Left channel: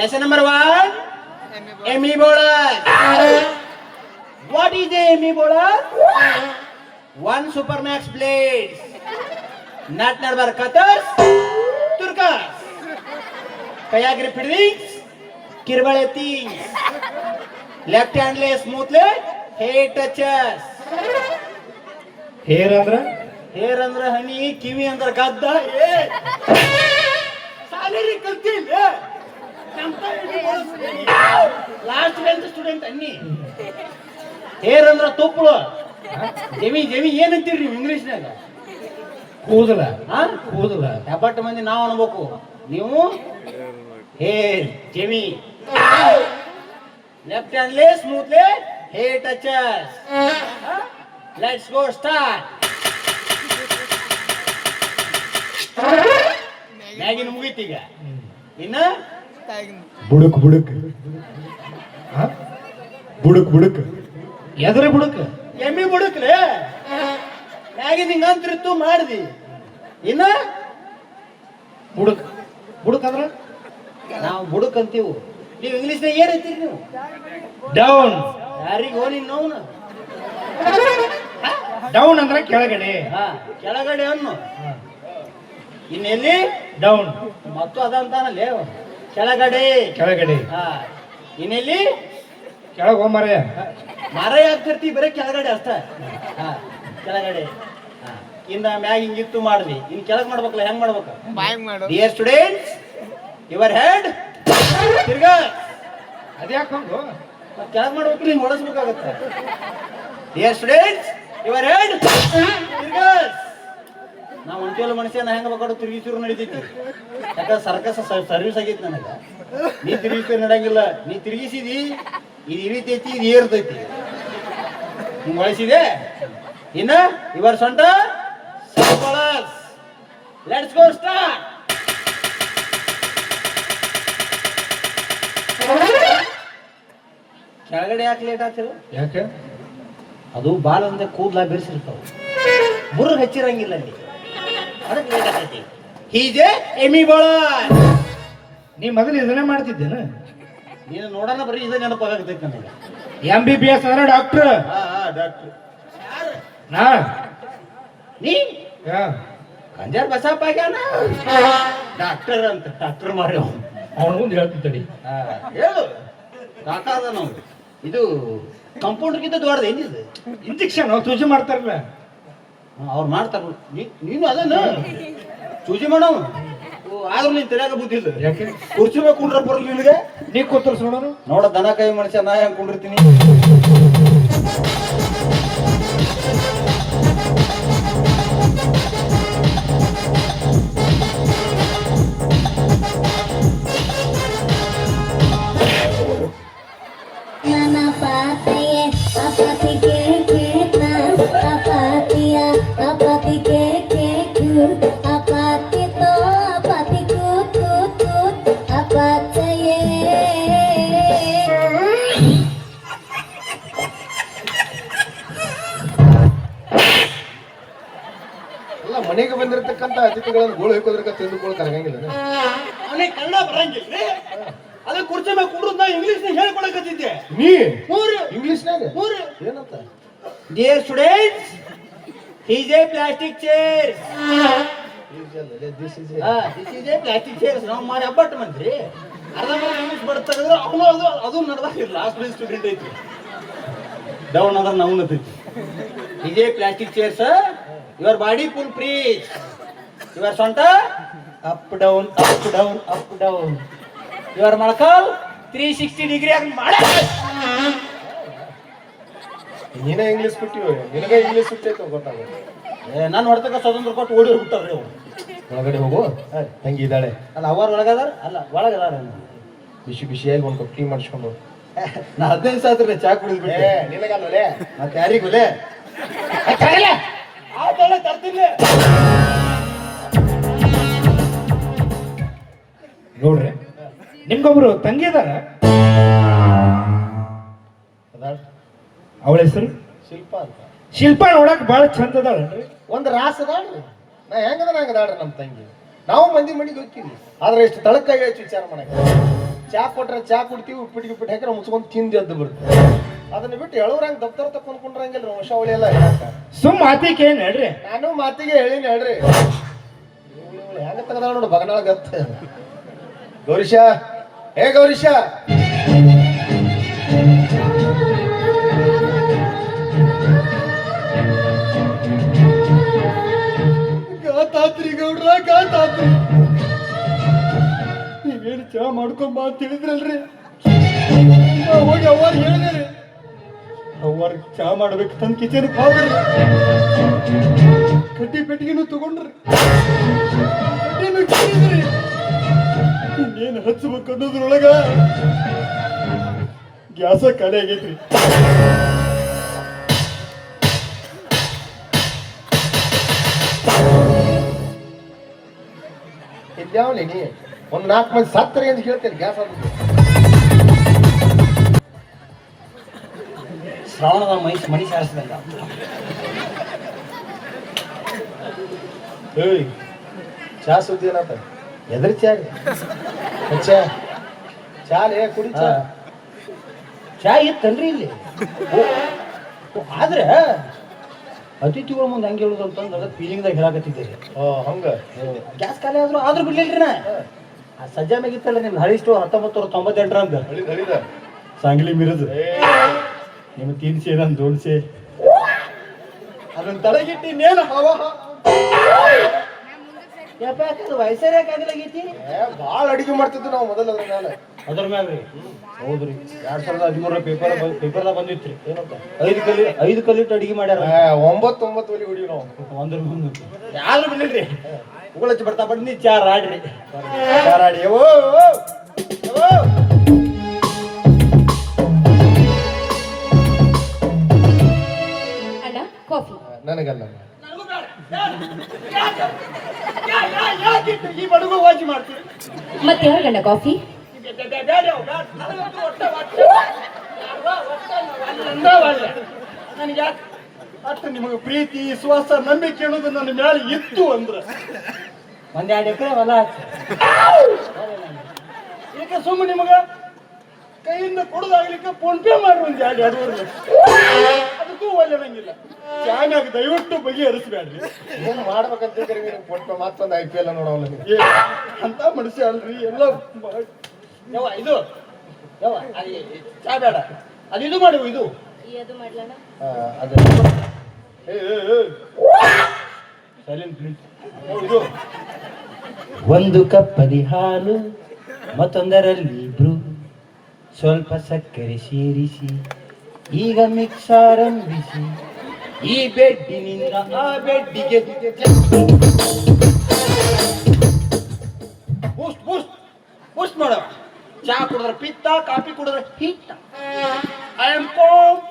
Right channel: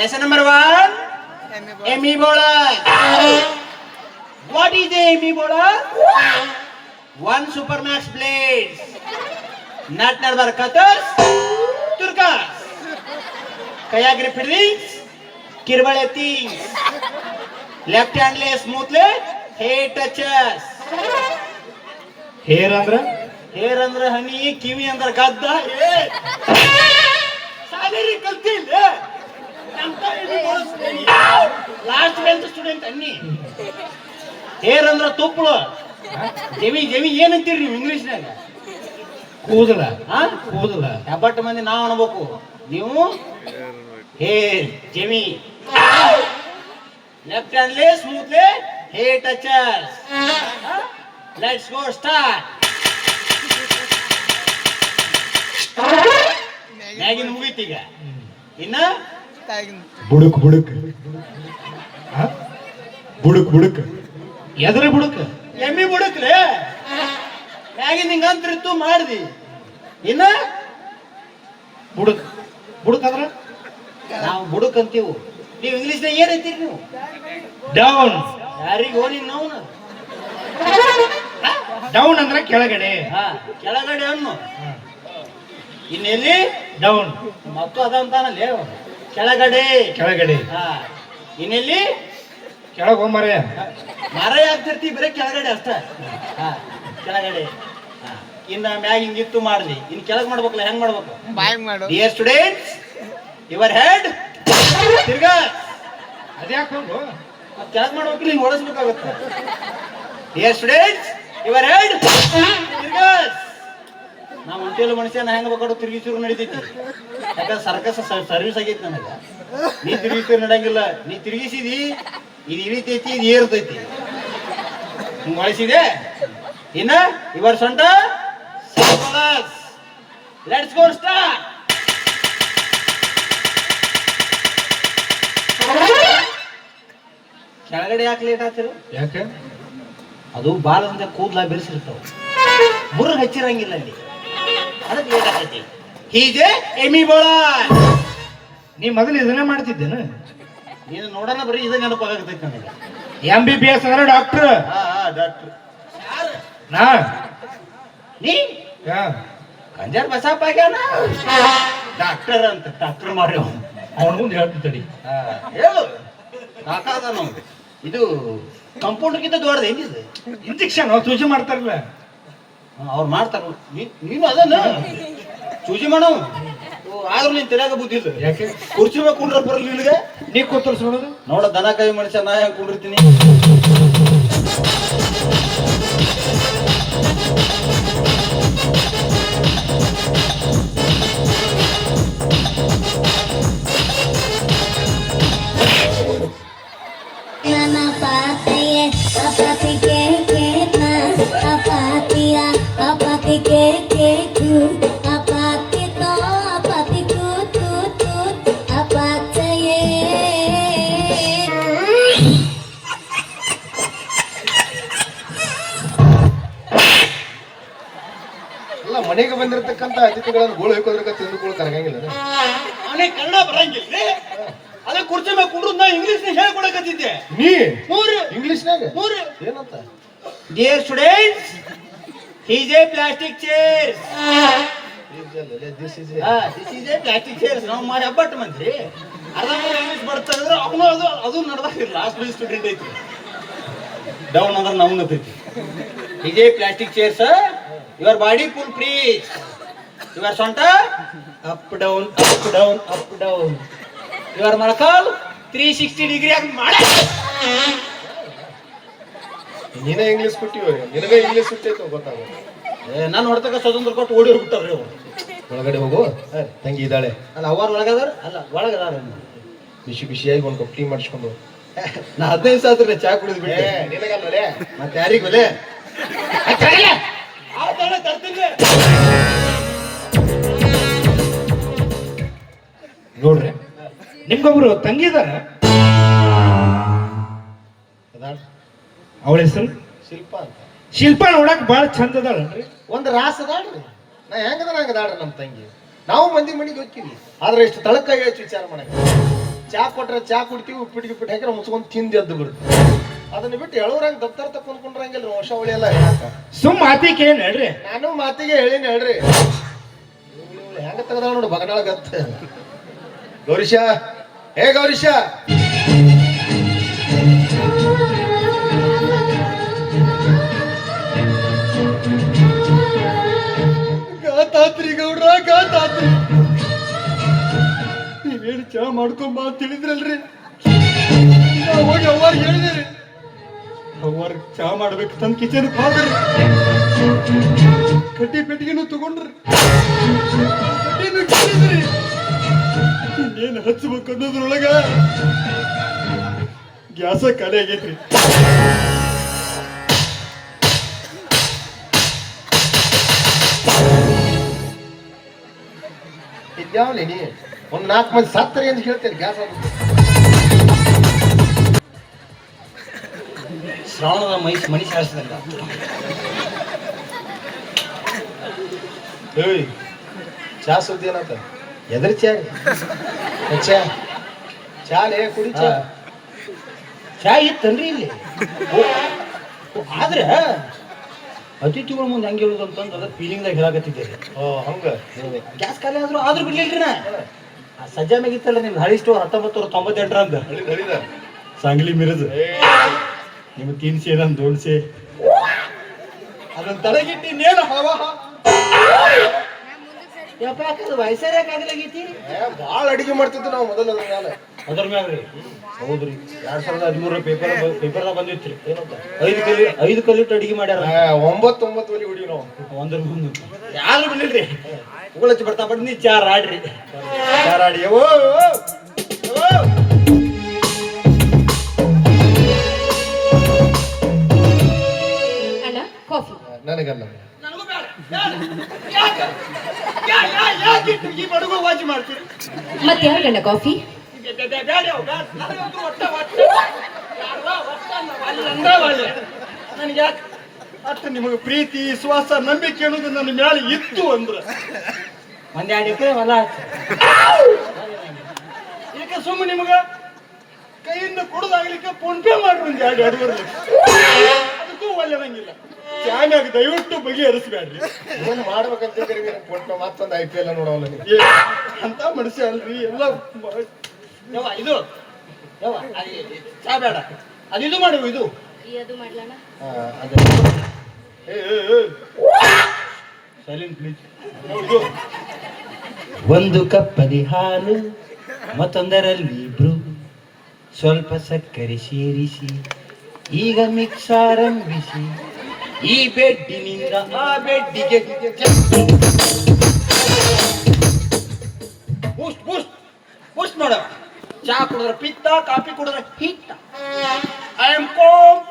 Lesson number one, Amoebola. What is the amoebola? One supermax blades. Not number cutters. turkas. Kaya grip rings, kirbale things. Left hand lay smoothly, Hey touches. Here under, Here under honey, kiwi under gadda. Salary kaltil, yeah. Last ಬೆಲ್ತ್ student ಅನ್ನಿ. Hair ಅಂದ್ರ ತುಪ್ಪಳು ಜವಿ ಜವಿ ಏನಂತೀರಿ ನೀವು ಇಂಗ್ಲೀಷ್ನಾಗ? ಕೂದಲ. ಹಾ ಕೂದಲ. ಹೆಬ್ಬಟ್ಟು ಮಂದಿ ನಾವು ಅನ್ಬೇಕು. ನೀವು? ಹೇ ಜಮಿ left ಹ್ಯಾಂಡ್ಲಿ smoothly hey touches let's go start ಮ್ಯಾಗಿನ ಮುಗೀತೀಗ ಇನ್ನ ಬುಡುಕ್ ಬುಡುಕ್? ಬುಡುಕ್ ಬುಡುಕ್. ಎದ್ರ ಬುಡುಕ್. ಎಮ್ಮಿ ಬುಡುಕ್ ಮ್ಯಾಗಿನ ಹಿಂಗ ಅಂತಿರ್ತು ಮಾಡ್ದಿ. ಇನ್ನ? ಬುಡುಕ್. ಬುಡುಕ್ ಅಂದ್ರ? ನಾವು ಬುಡುಕ್ ಅಂತೀವು. ನೀವು ಇಂಗ್ಲೀಷ್ನಾಗ ಏನ್ ಅಂತೀರಿ ನೀವು? ಡೌನ್. ಯಾರಿಗೆ ಹೋಗಿ ನೋವು ಡೌನ್ ಅಂದ್ರ ಕೆಳಗಡೆ. ಹಾ ಕೆಳಗಡೆ ಅನ್ನು. ಇನ್ನೆಲ್ಲಿ ಡೌನ್. ಮತ್ತು ಅದಂತಾನಲ್ಲೇ. ಕೆಳಗಡೆ. ಕೆಳಗಡೆ. ಹಾ. ಇನ್ನೆಲ್ಲಿ? ಹೋಗ್ ಮರೆಯ ಮರ ಯಾಕ್ತಿರ್ತಿ ಬರೀ ಕೆಳಗಡೆ ಅಷ್ಟ. ಹಾ ಕೆಳಗಡೆ. ಹಾ. ಇನ್ನ ಮ್ಯಾಗ ಹಿಂಗಿತ್ತು ಮಾಡ್ಲಿ. ಇನ್ ಕೆಳಗ್ ಮಾಡ್ಬೇಕಲ್ಲ ಹೆಂಗ್ ಮಾಡ್ಬೇಕು? ಬಾಯ್ ಮಾಡು. ಡಿಯರ್ ಸ್ಟೂಡೆಂಟ್ಸ್ ಯುವರ್ ಹೆಡ್ ತಿರ್ಗ. ಅದ್ಯಾಕೊಂಡು ಮತ್ತ್ ಕೆಳಗ್ ಮಾಡ್ಬೇಕಿಲ್ಲ ಹಿಂಗ್ ಓಡಿಸ್ಬೇಕಾಗತ್ತ. ಡಿಯರ್ ಸ್ಟೂಡೆಂಟ್ಸ್ ಯುವರ್ ಹೆಡ್ ತಿರ್ಗಸ್ ನಾವು ಒಂಟೇಲು ಮನುಷ್ಯ ನಾ ಹೆಂಗ್ ಬೇಕಾದ್ರು ತಿರುಗಿಸೂರು ನಡೀತೈತಿ. ಯಾಕಂದ್ರೆ ಸರ್ಕಸ್ ಸರ್ವಿಸ್ ಆಗೈತಿ ನನಗ ನೀ ತಿರುಗಿಸೂರು ನಡಂಗಿಲ್ಲ ನೀ ತಿರುಗಿಸಿದಿ ಇದು ಇಳಿತೈತಿ ಇದು ಏರ್ತೈತಿ ಹಿಂಗ್ ಬಳಸಿದೆ ಇನ್ನ ಇವರ್ ಸೊಂಟ ಲೆಟ್ಸ್ ಗೋ ಸ್ಟಾರ್ಟ್ ಕೆಳಗಡೆ ಯಾಕೆ ಲೇಟ್ ಆಗ್ತಿರು? ಯಾಕೆ? ಅದು ಬಾಲದಿಂದ ಕೂದ್ಲ ಬಿರ್ಸಿರ್ತಾವ. ಮುರ್ಗ್ ಹಚ್ಚಿರಂಗಿಲ್ಲ ಅಲ್ಲಿ. ಅದಕ್ಕೆ ಲೇಟ್ ಆಗೈತಿ ಹೀಗೆ ಎಮಿ ಬೋಳ. ನೀ ಮೊದಲು ಇದನ್ನೇ ಮಾಡ್ತಿದ್ದೇನು? ನೀನು ನೋಡೋಣ ಬರೀ ಇದು ನೆನಪಾಗತೈತಿ ನನಗೆ. ಎಂ ಬಿ ಬಿ ಎಸ್ ಅಂದ್ರೆ ಡಾಕ್ಟರ್. ಹಾ ಹಾ ಡಾಕ್ಟ್ರ್. ನಾ. ನೀ? ಯಾ. ಕಂಜಾರ್ ಬಸಪ್ಪ ಆಗ್ಯಾನ? ಡಾಕ್ಟರ್ ಅಂತ ಡಾಕ್ಟರ್ ಮಾರಿ ಅವನು ಮುಂದೆ ಹೇಳ್ತಿದ್ದಿ ತಡಿ. ಹೇಳು. ಕಾಕಾದ ಇದು ಕಂಪೌಂಡ್ಗಿಂತ ದೊಡ್ಡದು ಏನಿದೆ ಇಂಜೆಕ್ಷನ್ ಸೂಜಿ ಮಾಡ್ತಾರಲ್ಲ. ಅವ್ರು ಮಾಡ್ತಾರ. ನೀನು ಅದನ್ನ ಚೂಜಿ ಮಾಡೋ. ಆದ್ರೂ ನೀನ್ ತಿರ್ಯಾಗ ಬುದ್ಧಿ ಇಲ್ಲ. ಯಾಕೆ? ಕುರ್ಚಿ ಮೇಲೆ ಕುಂಡ್ರ ಬರಲ್ಲ ನಿನಗೆ? ನೀ ಕೂತರ್ಸ್ ನೋಡೋದು ನೋಡ ದನ ಕೈ ಮನುಷ್ಯ ನಾ ಹೆಂಗ್ ಕುಂಡಿರ್ತೀನಿ? Apati ke ketu, apati to, apati tut tut tut, apataye. ಅಲ್ಲ ಮನೆಗೆ ಬಂದಿರತಕ್ಕಂತ ಅತಿಥಿಗಳನ್ನು ಗೋಳು ಅವನಿಗೆ ಕನ್ನಡ ಬರಂಗಿಲ್ಲ. ಅದೇ ಕುರ್ಚಿ ಮೇಲೆ ಕುಂಡ್ರದ್ ನಾ ಇಂಗ್ಲಿಷ್ ಹೇಳ್ಕೊಳಕತ್ತಿದ್ದೆ. ನೀ? ಮೂರು. ಇಂಗ್ಲಿಷ್ನಾಗ ಮೂರು. ಏನಂತ? Dear students he's a plastic chair this is a plastic chairs ನಾವು ಮಾಡಿ ಹಬ್ಬಟ್ಟು ಮಂತ್ರಿ ಅರ್ಧ ಇಂಗ್ಲಿಷ್ ಬರ್ತಾರೆ ಅವನು ಅದು ಅದು ನಡೆದಾಗಿಲ್ಲ ಲಾಸ್ಟ್ ಬೆಂಚ್ ಸ್ಟೂಡೆಂಟ್ ಐತಿ. ಡೌನ್ ಅಂದ್ರೆ ನಮ್ಗೆ ಗೊತ್ತೈತಿ ಇದೇ plastic chairs your body full free your ಸೊಂಟ up down up down up down your Molakal three sixty degree ಆಗಿ ಮಾಡ ನೀನೇ ಇಂಗ್ಲಿಷ್ ಕೊಟ್ಟಿವಿ ನಿನಗೆ ಇಂಗ್ಲಿಷ್ ಸುಟ್ಟೈತೋ ಗೊತ್ತಾಗ ನಾನು ನೋಡ್ತಕ್ಕ ಸ್ವತಂತ್ರ ಕೊಟ್ಟು ಓಡಿ ಹೋಗ್ಬಿಟ್ಟವ್ರಿ ಅವ್ರು. ಒಳಗಡೆ ಹೋಗು. ತಂಗಿ ಇದ್ದಾಳೆ. ಅಲ್ಲ ಅವ್ರ ಒಳಗದಾರ? ಅಲ್ಲ ಒಳಗದಾರ ಬಿಸಿ ಬಿಸಿಯಾಗಿ ಒಂದು ಕಪ್ ಟೀ ಮಾಡಿಸ್ಕೊಂಡು ನಾ ಹದಿನೈದು ಸಾವಿರ ಚಾ ಕುಡಿದ್ಬಿಟ್ಟೆ ನಿನಗಲ್ಲೇ ಮತ್ತೆ ಯಾರಿಗೂ ನೋಡ್ರಿ ನಿಮ್ಗೊಬ್ರು ತಂಗಿ ಇದಾರ? ಅವಳ ಹೆಸರು? ಶಿಲ್ಪ ಅಂತ. ಶಿಲ್ಪ ನೋಡಕ್ ಬಹಳ ಚಂದ ಅದಾಳನ್ರಿ? ಒಂದು ರಾಸ ಅದಾಳ್ರಿ. ನಾ ಹೆಂಗದ ನಂಗೆ ಅದಾಳ್ರಿ ನಮ್ಮ ತಂಗಿ. ನಾವು ಮಂದಿ ಮಂದಿ ಹೋಗ್ತೀವಿ. ಆದ್ರೆ ಎಷ್ಟು ತಳಕಾಗಿ ಹೆಚ್ಚು ವಿಚಾರ ಮಾಡಕ್ಕೆ ಚಾ ಕೊಟ್ರೆ ಚಾ ಕುಡ್ತೀವಿ ಉಪ್ಪಿಟ್ಟು ಗಿಪ್ಪಿಟ್ಟು ಹಾಕಿದ್ರೆ ಮುಚ್ಕೊಂಡು ತಿಂದು ಎದ್ದು ಬಿಡ್ತೀವಿ. ಅದನ್ನ ಬಿಟ್ಟು ಎಳವ್ರಂಗ ದಪ್ತರ ತಕೊಂಡ್ ಹೊಸ ಅವಳಿ ಎಲ್ಲ ಸುಮ್ ಮಾತಿಗೆ ಏನ್ ಹೇಳ್ರಿ? ನಾನು ಮಾತಿಗೆ ಹೇಳಿನಿ ಹೇಳ್ರಿ. ಹೆಂಗ ತಗದ ನೋಡು ಬಗನಾಳ ಗತ್ತ ಗೌರಿಶಾ ಹೇ ಗೌರೀಶ. ಗಾತಾತ್ರಿ ಗೌಡ್ರ ಗಾತಾತ್ರಿ. ನೀವೇನು ಚಾ ಮಾಡ್ಕೊಂಬ ಅಂತ ತಿಳಿದ್ರಲ್ರಿ ನಾವ್ ಹೋಗಿ ಅವ್ವಾರ ಹೇಳಿದ್ರಿ. ಅವ್ವಾರ ಚಾ ಮಾಡ್ಬೇಕು ತನ್ನ ಕಿಚನ್ ಹೋಗ್ರಿ ಕಟ್ಟಿ ಪೆಟ್ಟಿಗೆನು ತಗೊಂಡ್ರಿ. ಇನ್ನೇನು ಹಚ್ಬೇಕು ಅನ್ನೋದ್ರೊಳಗ ಗ್ಯಾಸ ಕಲೆ ಆಗೈತ್ರಿ. ಇದ್ಯಾವಲಿ ನೀ ಒಂದ್ ನಾಲ್ಕು ಮಂದಿ ಸತ್ತರಿ ಅಂತ ಹೇಳ್ತೇನೆ ಗ್ಯಾಸ್ ಆಗುತ್ತೆ ಶ್ರಾವಣದ ಮೈಸ್ ಮನಿ ಶಾಸ್ತ್ರದಿಂದ ಏಯ್ ಚಾ ಸುದ್ದಿ ಏನಂತ ಎದ್ರ ಚಾ. ಚಾ? ಚಾ ಲೇ ಕುಡಿ ಚಾ. ಚಾ ಇತ್ತನ್ರಿ ಇಲ್ಲಿ. ಆದ್ರೆ ಅತಿಥಿಗಳ ಮುಂದೆ ಹೆಂಗೆ ಹೇಳುದು ಅಂತಂದ್ರೆ ಅದಕ್ಕೆ ಫೀಲಿಂಗ್ ದಾಗ ಹೇಳಕತ್ತಿದ್ದೆ. ಹಂಗ ಗ್ಯಾಸ್ ಖಾಲಿ ಆದ್ರೂ ಆದ್ರೂ ಬಿಡ್ಲಿಲ್ರಿ ನಾ? ಆ ಸಜ್ಜಾ ಮ್ಯಾಗಿತ್ತಲ್ಲ ನಿಮ್ ಹಳಿ ಸ್ಟೋರ್ ಹತ್ತೊಂಬತ್ತು ನೂರ ತೊಂಬತ್ತೆಂಟರಂದ ಸಾಂಗ್ಲಿ ಮಿರದು. ನಿಮ್ಗೆ ತಿನ್ಸಿ ನಾನು ದೋಡ್ಸಿ ಅದನ್ನ ತಲೆಗಿಟ್ಟಿ ಇನ್ನೇನು ಹವ? ಯಪ್ಪ ಯಾಕಂದ್ರೆ ಯಾಕಾಗಲಾಗೈತಿ ಭಾಳ ಅಡಿಗೆ ಮಾಡ್ತಿದ್ದು ನಾವು ಮೊದಲು ಅದ್ರ ಮೇಲೆ ಅದ್ರ ಮ್ಯಾಗ ರೀ ಹೌದ್ರಿ. ಎರಡ್ ಸಾವಿರದ ಹದಿಮೂರ ಪೇಪರ್ ಪೇಪರ್ದಾಗ ಬಂದಿತ್ರಿ. ಐದು ಕಲಿ ಐದು ಕಲಿಟ್ಟು ಅಡಿಗೆ ಮಾಡ್ಯಾರ. ಒಂಬತ್ತು ಒಂಬತ್ತು ಒಲಿ ಹೊಡಿ ನಾವು. ಒಂದ್ರ ಮುಂದೆ ಯಾರು ಬಿಡ್ಲಿಲ್ರಿ? ಉಗುಳಚ್ಚಿ ಬರ್ತಾ ಬಡ್ನಿ ಚಾರ್ ಆಡ್ರಿ ಚಾರ್ ಆಡಿ ಓ ಓ, ಓ. ಕಾಫಿ. ನನಗಲ್ಲ. ಮತ್ತೆ ಯಾರಿಗಣ್ಣ ಕಾಫಿ? ನನಗೆ ಯಾಕೆ ಅಷ್ಟು ನಿಮಗೆ ಪ್ರೀತಿ ವಿಶ್ವಾಸ ನಂಬಿಕೆ ಅನ್ನೋದು ನನ್ನ ಮೇಲೆ ಇತ್ತು ಅಂದ್ರ. ಒಂದೆರಡು ಎರಡು ಎಕರೆ ಹೊಲ ಈಗ ಸುಮ್ಮ ನಿಮಗ ಕೈಯಿಂದ ಕೊಡೋದಾಗ್ಲಿಕ್ಕೆ ಫೋನ್ ಪೇ ಮಾಡ್ರಿ ಒಂದ್ ಎರಡು ಎರಡೂವರೆ ಲಕ್ಷ. ಅದಕ್ಕೂ ಒಳ್ಳೆದಂಗಿಲ್ಲ ಚಾನ್ಯಾಗ ದಯವಿಟ್ಟು ಬಗೆಹರಿಸ್ಬೇಡ್ರಿ ಏನ್ ಮಾಡ್ಬೇಕಂತ ಕೊಟ್ಟು ಮತ್ತೊಂದು ಐ ಪಿ ಎಲ್ ನೋಡೋಲ್ಲ ಅಂತ ಮನುಷ್ಯ ಅಲ್ರಿ. ಎಲ್ಲ ಯವ್ವ, ಇದು. ಯವ್ವ, ಅಲ್ಲಿ ಚಾ ಬೇಡ. ಅದು ಇದು ಮಾಡು ಇದು. ಅದು ಮಾಡ್ಲಣ್ಣ. ಆ, ಅದೇ. ಸೈಲೆಂಟ್ ಪ್ಲೀಸ್ ಇದು ಒಂದು ಕಪ್ಪದಿ ಹಾಲು ಮತ್ತೊಂದರಲ್ಲಿ ಇಬ್ರು. ಸ್ವಲ್ಪ ಸಕ್ಕರೆ ಸೇರಿಸಿ ಈಗ ಮಿಕ್ಸ್ ಆರಂಭಿಸಿ. ಈ ಬೆಡ್ಡಿನಿಂದ ಆ ಬೆಡ್ಡಿಗೆ ಕುಡಿದ್ರೆ ಪಿತ್ತ ಕಾಫಿ ಕುಡಿದ್ರೆ ಹಿತ್ತ ಐ ಆಮ್ ಕಾನ್ಫಿಡೆಂಟ್